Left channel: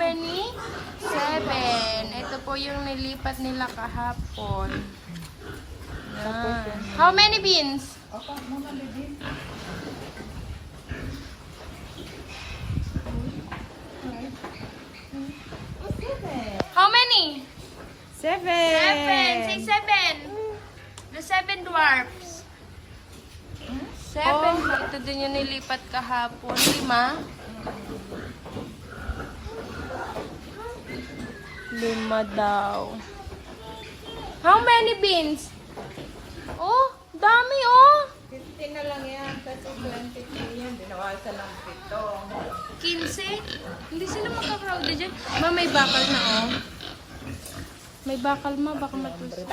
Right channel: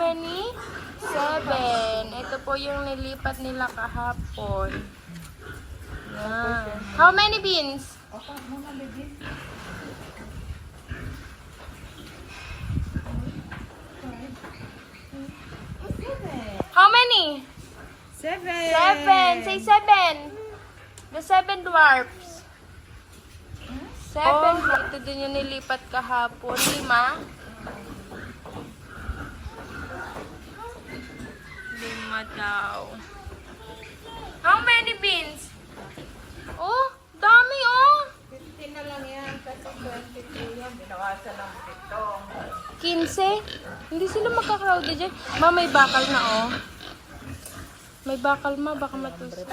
many? Seven. Ito po yung nilipat nila kahapon. Yan. How many beans? Okay, mama, baby. How many? Seven. Seven. Say seven. The seven dwarfs. Seven. Oh, ito din yung nilipat kahapon. Lima. Lima daw. How many beans? Oh, dami oh. 15 na lang yan. Kasi 20 yan. Binawasan ng 15? Hindi sila magka-crowded dyan. Ma, may bakal na oh. May bakal ma, baka matuloy.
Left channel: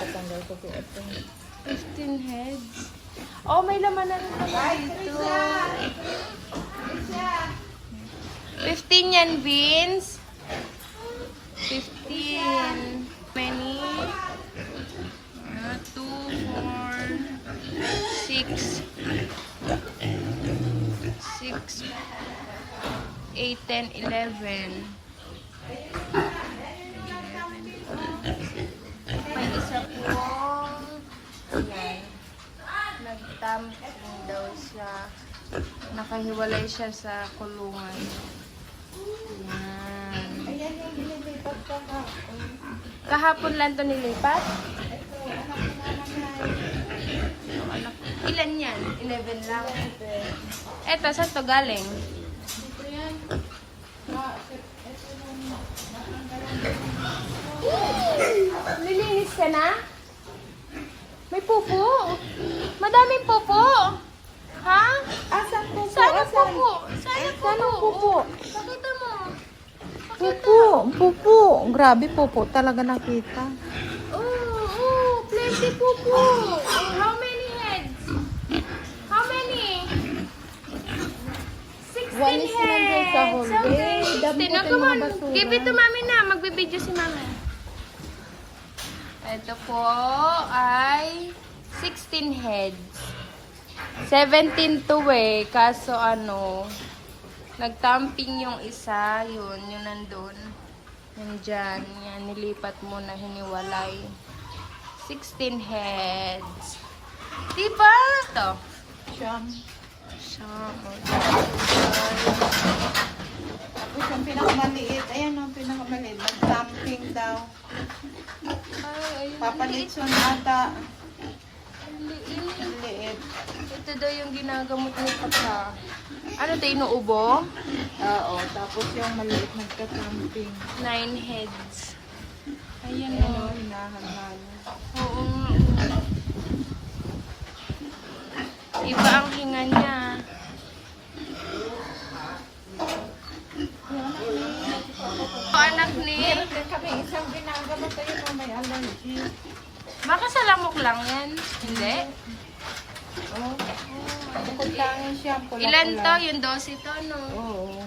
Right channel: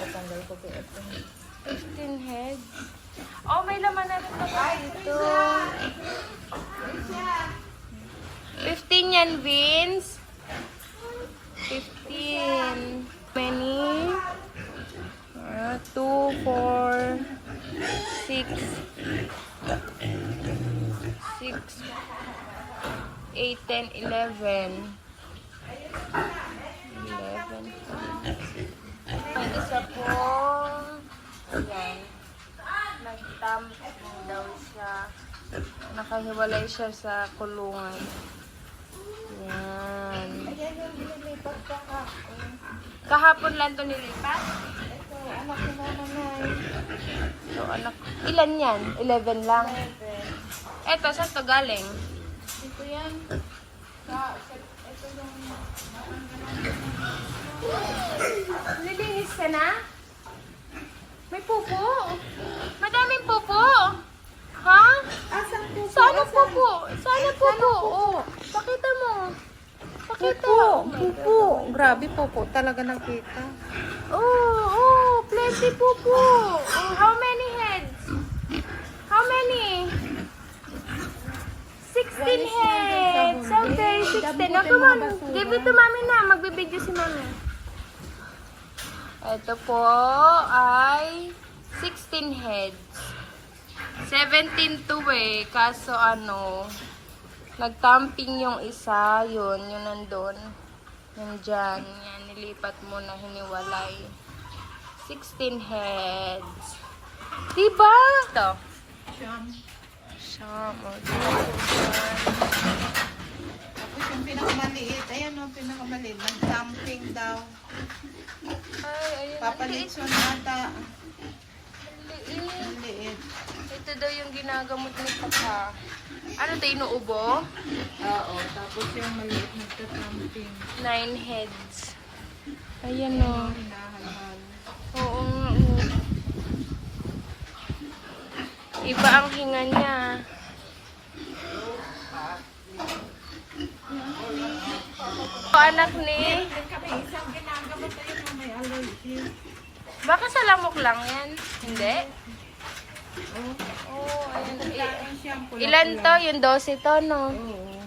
15 heads. Oh, may laman na rin pala dito. 15 yan, Vince. 15. Many? Ah, 2, 4, 6, 6, 8, 10, 11. 11. Ang isa po, yan. Nagtamping daw siya. Nakahiwalay siya sa kulungan. Yan. Kahapon lang to nilipat? So, anak, ilan yan? 11 lang. Eto, saan to galing? Nilinis ka na? May pupo. Madaming pupo. Ha? Asan po po? Sana Asan? pupo. Sana pupo. Sana pupo. Pakita mo. Pakita. Pupo. Pupo. Grabe pupo. Talaga nakita. Oh, oh, plenty pupo. How many? How many? 16 One is number sa heads. Someday, day. 16. Damputin Oh, come on. Give it to mami na. Magbibideo si mami. Ito po ay 16 heads. 17 to eh. Kaso ano, nagtamping yung isa. Yun, yung nandun. Yung dyan. Yan, nilipat mo na hiniwalay. 16 heads. Diba? Ito. Siyam. Some of Tapos yung pinakamaliit. Ayan pinakamaliit. Nag-dumping daw. Ay, ayun. Papalit yung ata. Ang liit. Liit. Ito daw yung ginagamot ni Papa. Ano to, inuubo? Oo. Tapos yung maliit nagka-dumping. Nine heads. Ayan o. hinahanap. Oo nga. oo. Iba ang hinga niya. O, anak ni. Baka sa lamok lang yan. Hindi? Oh. Ayan. Ilan to? Yung 12 to, no? Oo.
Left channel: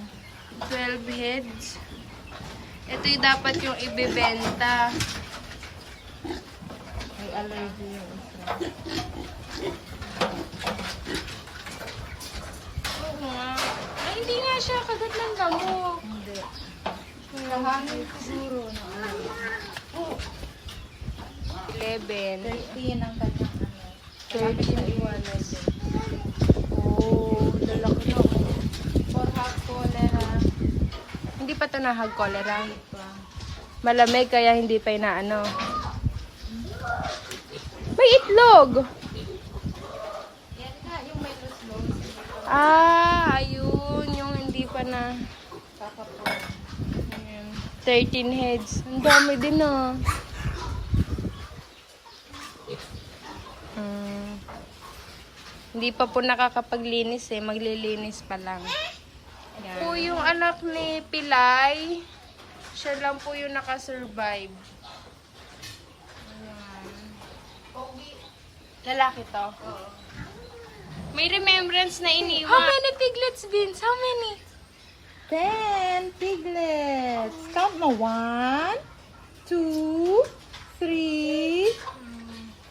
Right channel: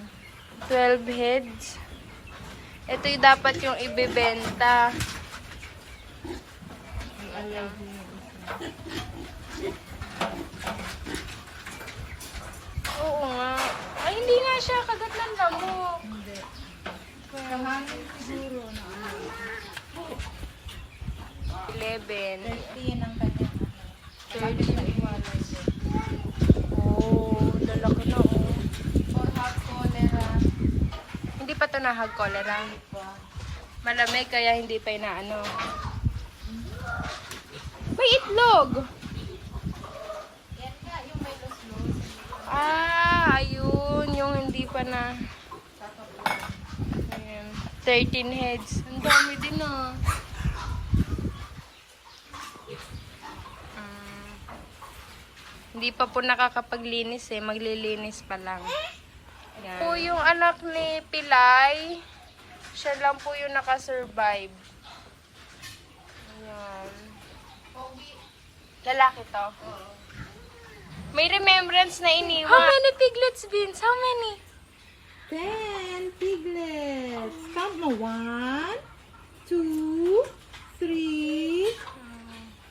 12 heads. Ito yung dapat yung ibibenta. May allergy yung isa. Oo nga. Ay, hindi nga siya kagat ng lamok. Hindi. Kahangin siguro na ano. 11. 30 yan ang kanyang ano. 13. Iwanan yun. Oh, lalaki na oh. For hot cholera. Hindi pa ito nahag cholera. Malamig kaya hindi pa inaano. May itlog! Ah, ayun. Yung hindi pa na... Ayan. 13 heads. Ang dami din ah. Mm. Hindi pa po nakakapaglinis eh. Maglilinis pa lang. Yan. Po yung anak ni Pilay. Siya lang po yung nakasurvive. Ayan. Lalaki to. May remembrance na iniwan. How many piglets, Vince? How many? Ten piglets. Count mo. One, two, three,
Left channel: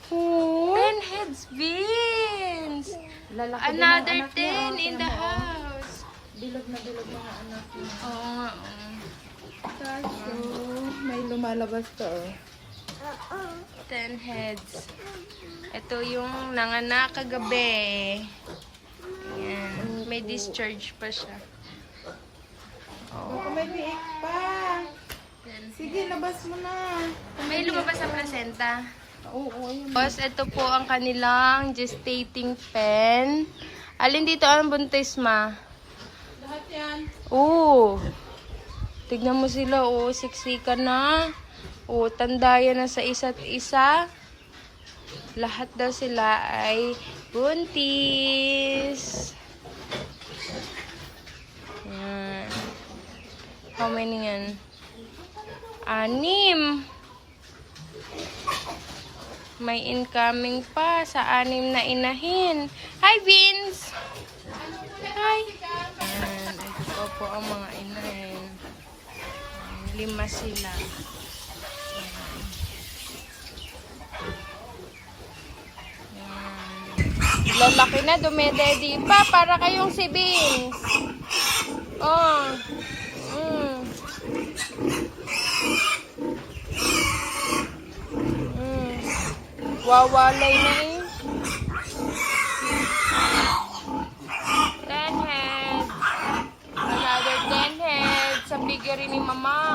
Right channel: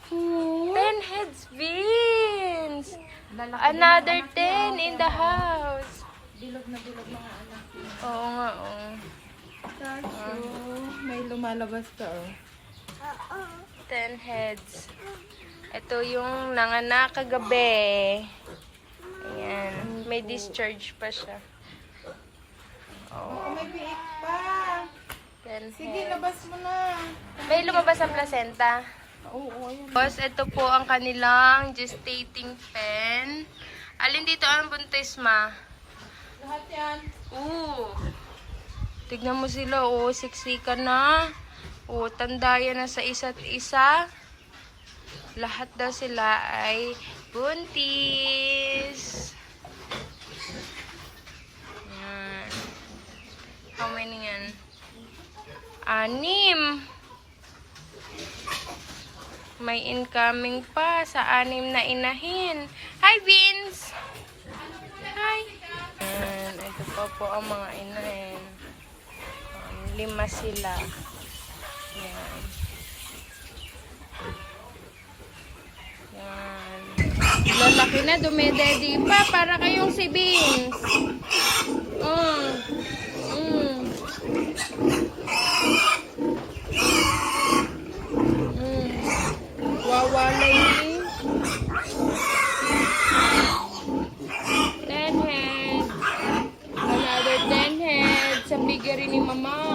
four. Ten heads, Vince! Another ten in the house. Bilog na bilog mga anak. Oo nga, oo. Cashew. May lumalabas to oh. 10 heads. Ito yung nanganak kagabi. Ayan. May discharge pa siya. Oh, May biik pa. 10 Sige, labas mo na. May lumabas sa placenta. Oo. Tapos, ito po ang kanilang gestating pen. Alin dito ang buntis, ma? Lahat yan. Oo. Tignan mo sila, oh. Siksika na. Oh, tandaya na sa isa't isa. Lahat daw sila ay buntis. Yan. How many yan? Anim. May incoming pa sa anim na inahin. Hi, Beans! Hi! Yan. Ito pa po ang mga inahin. Um, lima sila. Lalaki na, dumededi pa para kayong si Beans. Oh. Mm. Mm. Wawalay na eh. Ten head. Another ten head. Sa bigger ni mama.